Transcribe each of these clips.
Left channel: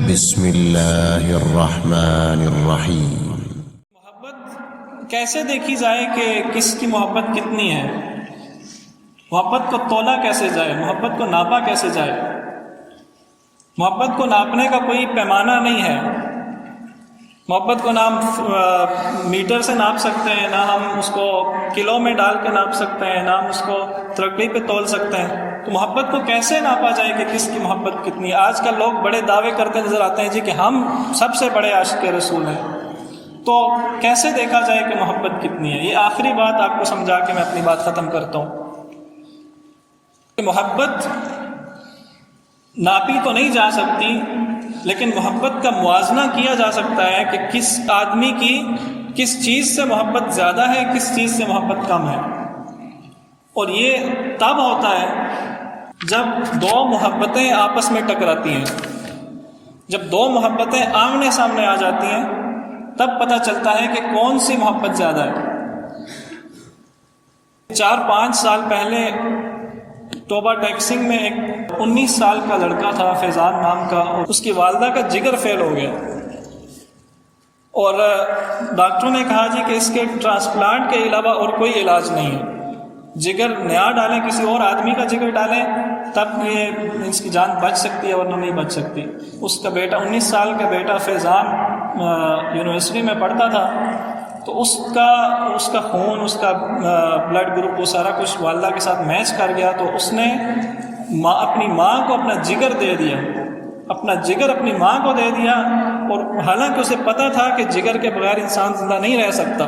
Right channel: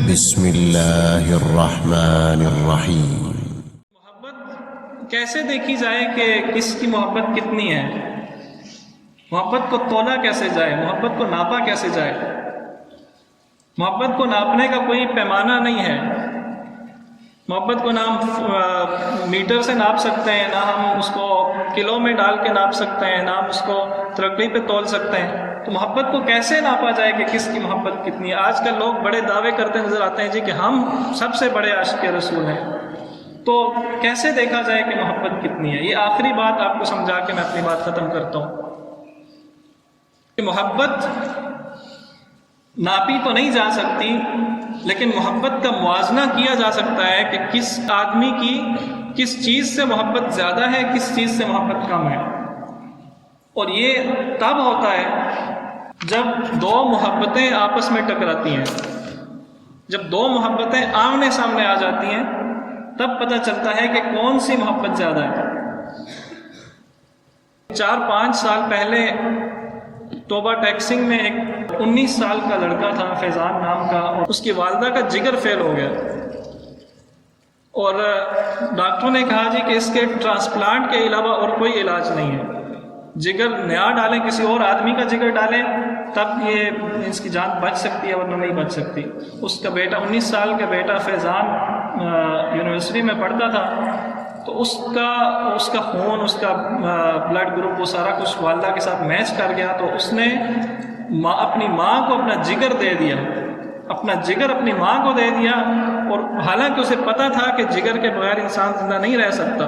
بسم اللہ الرحمن الرحیم۔ محبت کیسے دیکھی جائے کہ کس کی محبت کتنی ہے؟ محبت کو تولا کیسے جائے؟ محبت کو ناپا کیسے جائے؟ محبت کو ناپنے کا کوئی پیمانہ نہیں ہے۔ محبت کو نہ ہم میٹر سے ناپ سکتے ہیں، نہ ہم اس کو کلو میں ڈال کے ناپ سکتے ہیں، نہ ہم اس کو ترقی پہ تول سکتے ہیں۔ تو محبت کو کیسے ناپا جائے کہ کس کی محبت کتنی ہے؟ آج کل لوگ بڑے دعوے کرتے نظر آتے ہیں جی کہ ہم سب سے بڑے عاشق رسول ہیں، تو کیسے دیکھا جائے کہ محبت کتنی ہے؟ یہ آخری بات آپ کو سمجھا کے میں اپنی بات ختم کرتا ہوں کہ محبت ناپی تو نہیں جا سکتی، لیکن محبت کا موازنہ کیا جا سکتا ہے کہ کس آدمی کی کس چیز سے محبت زیادہ ہے، کس چیز سے محبت کم ہے۔ اور یہ تب ہوتا ہے جب دو محبتیں آپس میں ٹکراتی ہیں، جب دو محبتیں آمنے سامنے آ جاتی ہیں، تب پتہ چلتا ہے کہ کون سی محبت زیادہ ہے۔ 4-5 سال پہلے توبہ ٹیکسنگ میں ایک 19 سال کا لڑکا تھا، فیضان نام کا، اور اس کی والدہ کا جگر فیل ہو گیا، اور ڈاکٹروں نے کہا جی کہ اس کے ٹرانسپلانٹ کے علاوہ اور کوئی علاج نہیں ہے، جگر نیا ڈالیں، کسی اور آدمی کا جگر ڈالیں، تب یہ اس کی جان بچ سکتی ہے ورنہ نہیں بچ سکتی۔ اس کا بیٹا 19 سال کا بیٹا فیضان یونیورسٹی میں پڑھتا تھا، تو اس کا خون، اس کا بلڈ گروپ، وہ سارا کچھ والدہ کے ساتھ میچ کر گیا، تو اس نے اپنی ماں کو اپنا جگر دے دیا، اپنا جگر اپنی ماں کو دے دیا، اور حالانکہ اسے پتہ تھا کہ جگر کے بغیر انسان زندہ نہیں رہ سکتا،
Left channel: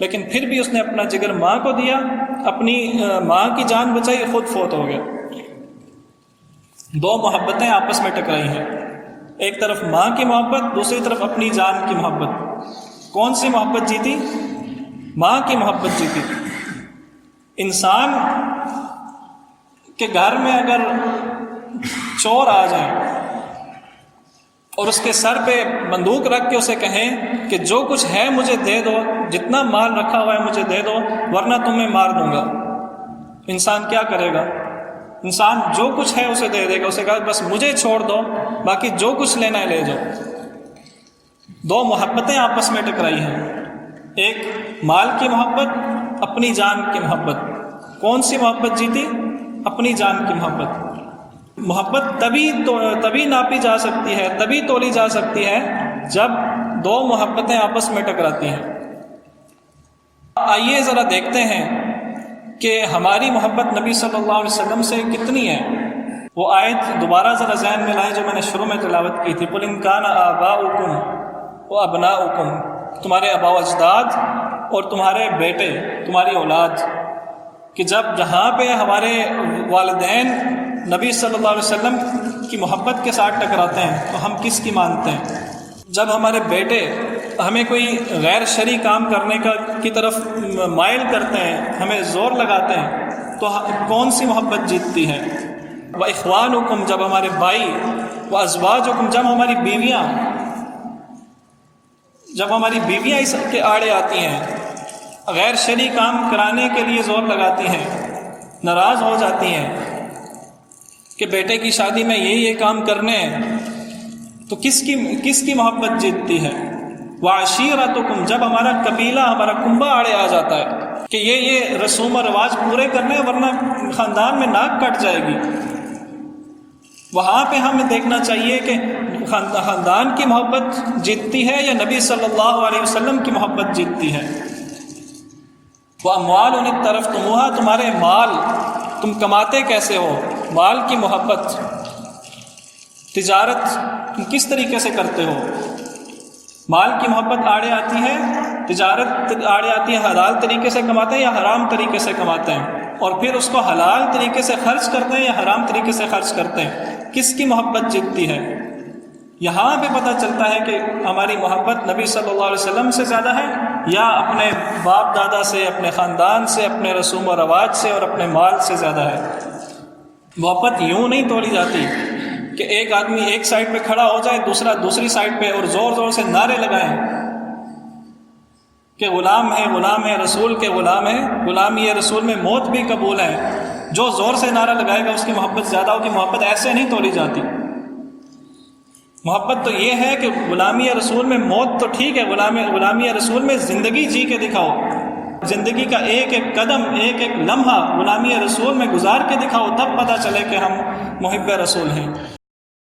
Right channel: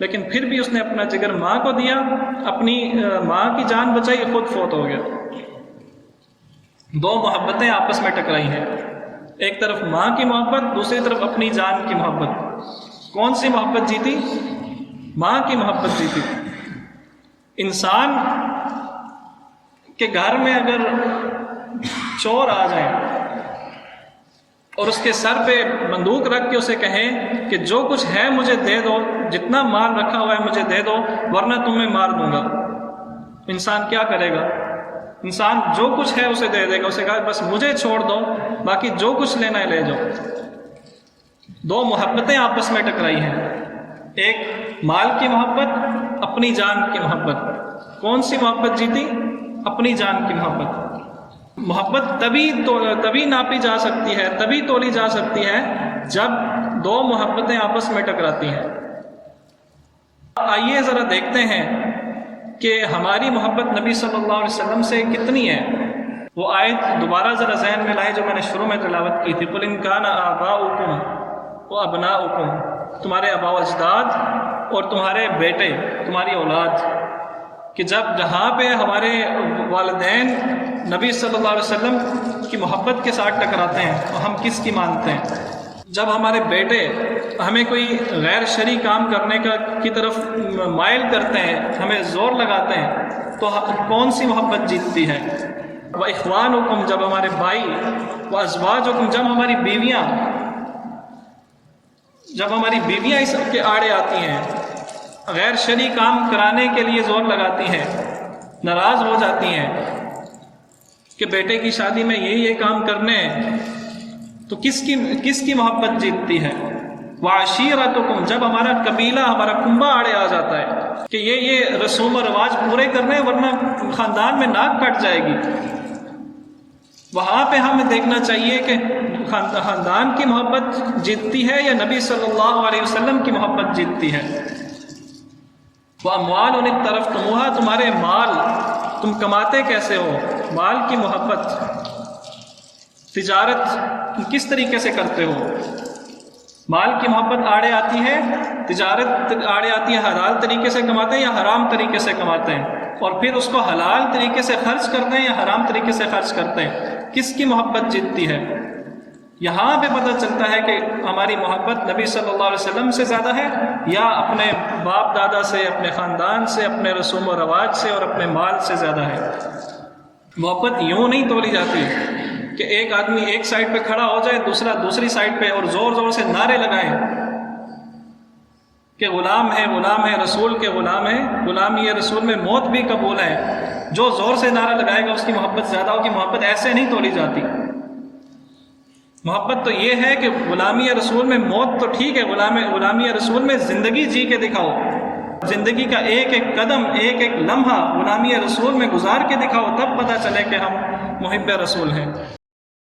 لیکن پھر بھی اس نے اپنا جگر ماں کو دیا، اپنی ماں کی جان بچائی، خود فوت ہو گیا۔ دو محبتیں آپس میں ٹکرائی ہیں، ایک طرف ماں کی محبت، دوسری طرف اپنی جان کی محبت۔ کون سی محبت جیتی؟ ماں کی محبت جیتی۔ انسان کے گھر میں اگر چور آ جائیں اور اس کے سر پہ بندوق رکھ کے اسے کہیں کہ جو کچھ ہے مجھے دے دو، جتنا مال رکھا ہوا ہے مجھے دے دو ورنہ تمہیں مار دوں گا، انسان کیا کرے گا؟ انسان جو کچھ ہے اسے دے دے گا، اسے کہا بس مجھے چھوڑ دو، باقی جو کچھ لینا ہے لے جاؤ۔ دو محبتیں آپس میں ٹکرائی ہیں، ایک مال کی محبت، اپنی جان کی محبت۔ کون سی محبت جیتی؟ اپنی جان کی محبت۔ محبت تبھی ناپی جا سکتی ہے، تبھی تولی جا سکتی ہے جب دو محبتیں آپس میں ٹکراتی ہیں۔ آئیے ذرا دیکھتے ہیں کہ ہماری محبت نبی صلی اللہ علیہ وسلم سے کتنی ہے۔ وہ آیت دوبارہ ذرا ذہن میں لائیں جو میں نے شروع میں تلاوت کی تھی، قُلْ إِن كَانَ آبَاؤُكُمْ وَأَبْنَاؤُكُمْ، تمہارے آباء و اجداد اور تمہارے بیٹے، تمہاری اولاد، کہ جہاں پہ ہمارے والدین نبی صلی اللہ علیہ وسلم کی محبت کے ساتھ ٹکراتے ہیں تو ہم کس کی مانتے ہیں؟ جب ہمارے بیٹے ہمیں کوئی غیر شرعی کام کرنے کی طرف مائل کرتے ہیں، ہمیں زور لگاتے ہیں، تو کون سی محبت جیتتی ہے؟ وَإِخْوَانُكُمْ، جب ہمارے بھائی، وَأَزْوَاجُكُمْ، جب ہماری بیویاں اس کے آڑے آتی ہیں، غیر شرعی کام کرانے کے لیے زور لگاتی ہیں، ناراض ہو جاتی ہیں کہ بیٹے کی شادی میں یہ کام کرنے ہیں، تو کس کی محبت جیتتی ہے؟ وَعَشِيرَتُكُمْ، جب ہمارا قبیلہ، ہمارا کنبہ آڑے آ جاتا ہے کہ یہ رسوم و رواج پورے کرنے ورنہ خاندان میں ناک کٹ جائے گی، وہاں پہ ہمیں دیکھنا چاہیے کہ خاندان کی محبت جیتتی ہے یا نبی صلی اللہ علیہ وسلم کی محبت جیتتی ہے۔ وَأَمْوَالٌ اقْتَرَفْتُمُوهَا، تمہارے مال، تم کماتے کیسے ہو، مال کی محبت۔ تجارت تم کس طریقے سے کرتے ہو، مال کی محبت آڑے آتی ہے، تجارت آڑے آتی ہے، حلال طریقے سے کماتے ہیں یا حرام طریقے سے کماتے ہیں، اور پھر اس کو حلال طریقے سے خرچ کرتے ہیں یا حرام طریقے سے خرچ کرتے ہیں، کس کی محبت جیتتی ہے؟ یہاں پہ پتہ چلتا ہے کہ ہماری محبت نبی صلی اللہ علیہ وسلم سے زیادہ ہے یا اپنے باپ دادا سے، اپنے خاندان سے، اپنے رسوم و رواج سے اور اپنے مال سے زیادہ ہے۔ محبت یوں نہیں تولی جاتی کہ ایک آدمی ایک سائڈ پہ کھڑا ہو جائے، دوسرا دوسری سائڈ پہ، اور زور زور سے نعرے لگائیں کہ غلام ہے رسول کے غلام ہے، غلامی رسول میں موت بھی قبول ہے۔ جو زور سے نعرہ لگائے گا اس کی محبت زیادہ ہوگی۔ محبت ایسے نہیں تولی جاتی۔ محبت تو یہ ہے کہ غلامی رسول میں موت تو ٹھیک ہے، غلامی رسول میں زندگی جی کے دکھاؤ، زندگی کا ایک ایک قدم، ایک ایک لمحہ غلامی رسول میں گزار کے دکھاؤ، تب پتہ چلے کہ ہم محب رسول ہیں۔